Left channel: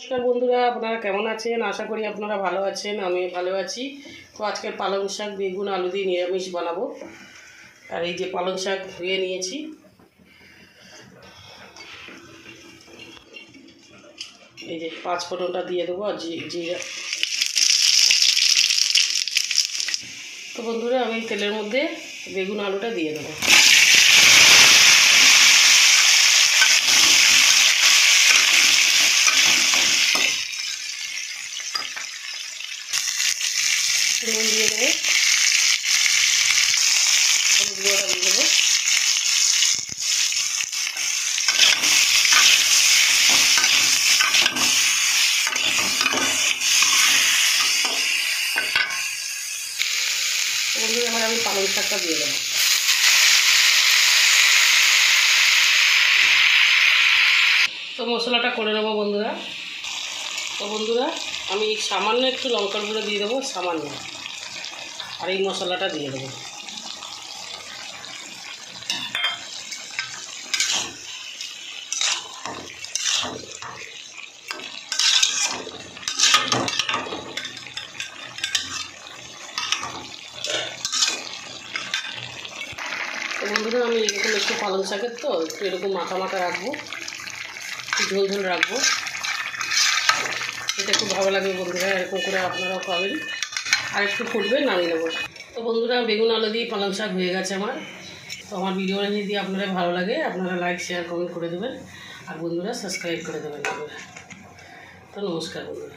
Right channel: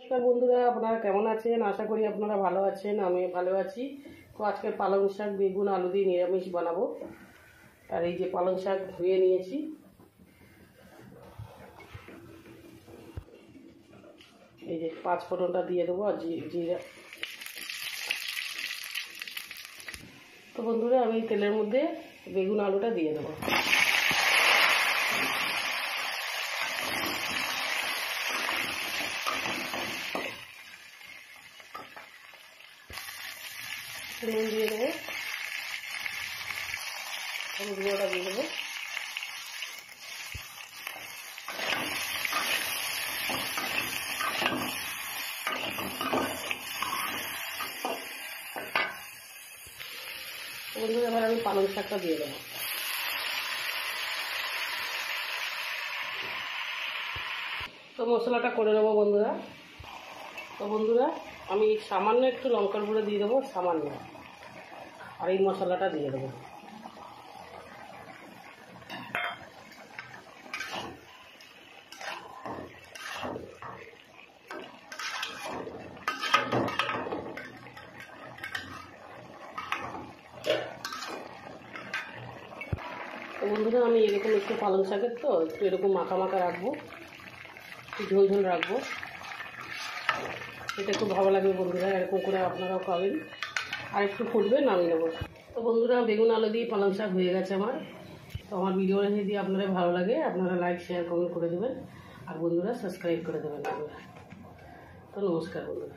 নমস্কার বন্ধুরা, আপনারা কেমন আছেন? আশা করি আপনারা ভালো আছেন। আমি ভালো আছি। তো আজকে পালং শাক বেগুন আলু দিয়ে নিরামিষ বানাবো। আর এই যে পালং শাক ধুয়ে নিয়েছি, এই যে 5 ফোঁড়নটা দিয়ে দেবো আর জিরা। তো বন্ধুরা আমি তেলের মধ্যে বেগুন আলুটা দিয়ে দেবো। নুন দিয়ে দেবো, হলুদ গুঁড়োটা দিয়ে দেবো, বন্ধুরা এবার আমি পালং শাকটা দিয়ে দেবো। তো মশলাটা করে নেবো বন্ধুরা। তো বন্ধুরা আমি সামান্য একটু লঙ্কার গুঁড়ো দিয়ে দেবো, সামান্য, আর এই মশলাটা দিয়ে দেবো। তো বন্ধুরা আমি এরকম একটু পালং শাকের তো একটু এরকম মাখা মাখা রাখবো, ঝোল ঝোল রাখবো। এটা খুব ভালো লাগবে বন্ধুরা, এরকম করে আপনারাও খাবেন। আর একটু ফুটবে, নামিয়ে নেবো। তো বন্ধুরা বেগুন আলু দিয়ে পালং শাক হয়ে গেছে আমার। তো আমার ভিডিওটা যদি আপনারা ভালো লাগে আপনারা লাইক শেয়ার কমেন্ট করে দেবেন, আর বন্ধুরা সাবস্ক্রাইব করে দেবেন। তো নমস্কার বন্ধুরা।